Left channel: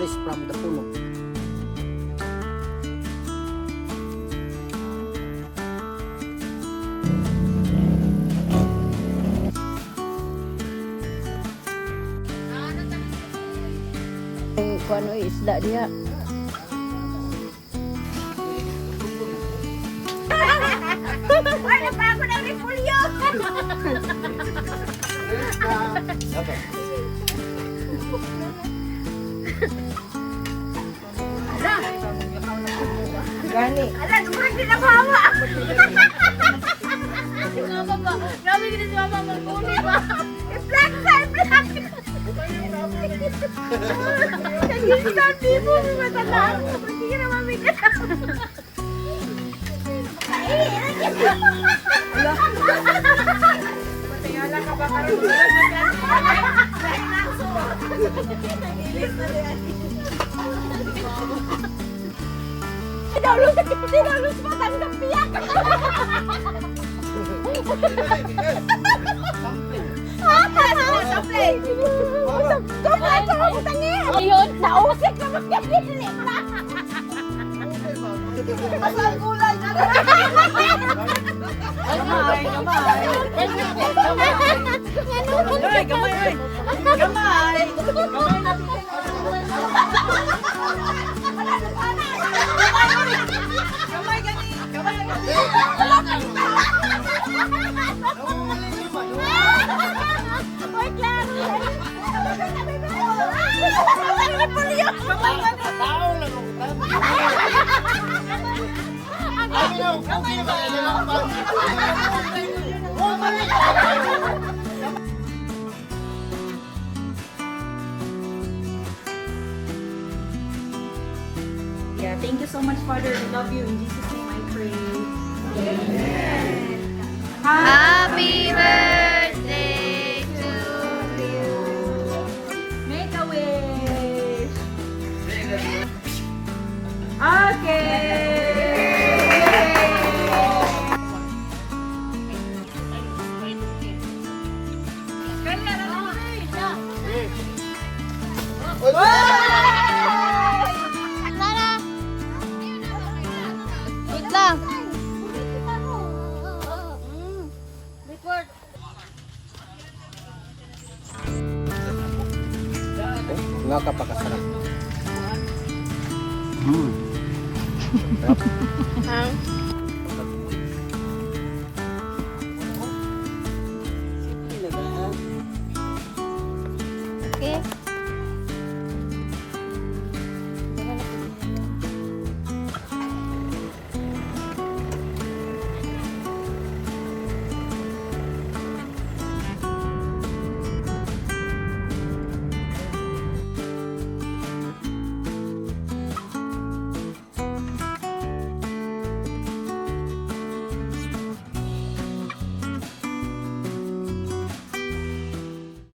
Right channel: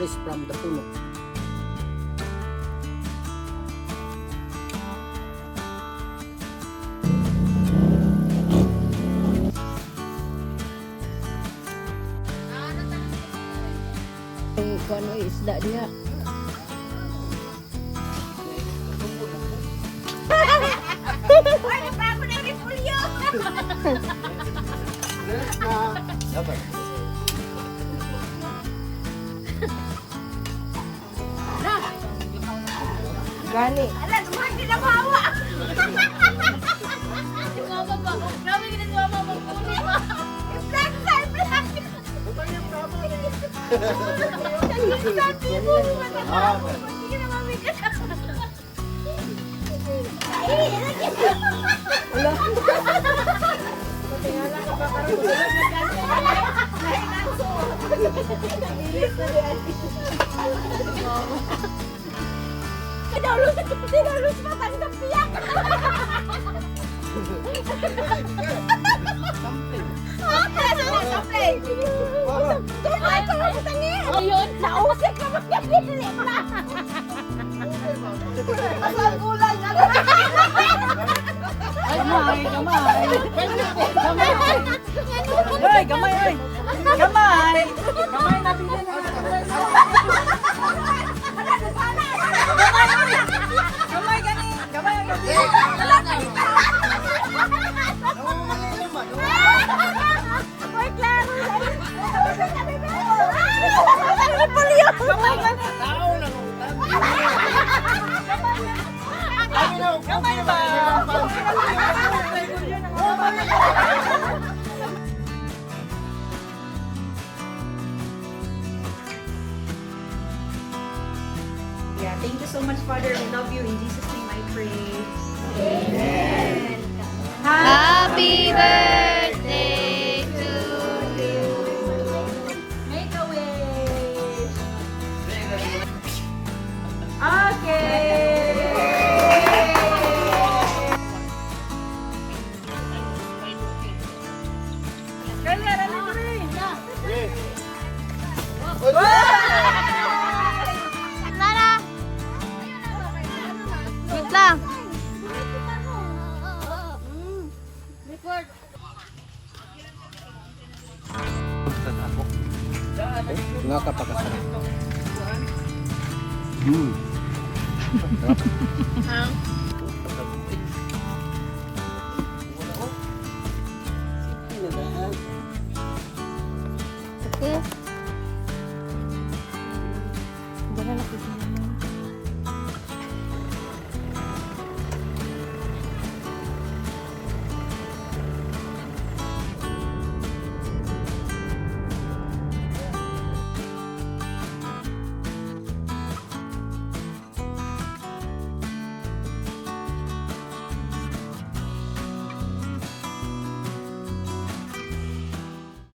fresh from the puno. Kung ano isda dia. Ano pa ako ng repulyo? Gani. Ala, dumaan din ang hawa. Grabe ka na si Mama magkunin ba? Black side, black. Tinulog mo tanggap piyak. Sampling. Tumay ka mo tangi. Ayun, nausik na magkapili na. Pasal kulang na. Gamay, gamay. Ay, gamay, ay. Gamay. Gamay natin. Gamay gani. Gamay gani. Oy, klaro. Taong lang ang Ay, no, okay ba? Yeah, thank you so much, Father. I love you. In Jesus' name I pray. Amen. Happy birthday to you. Make a wish. Okay. Lara. Wait lang. Report. Nga kapakasarap. Sarap.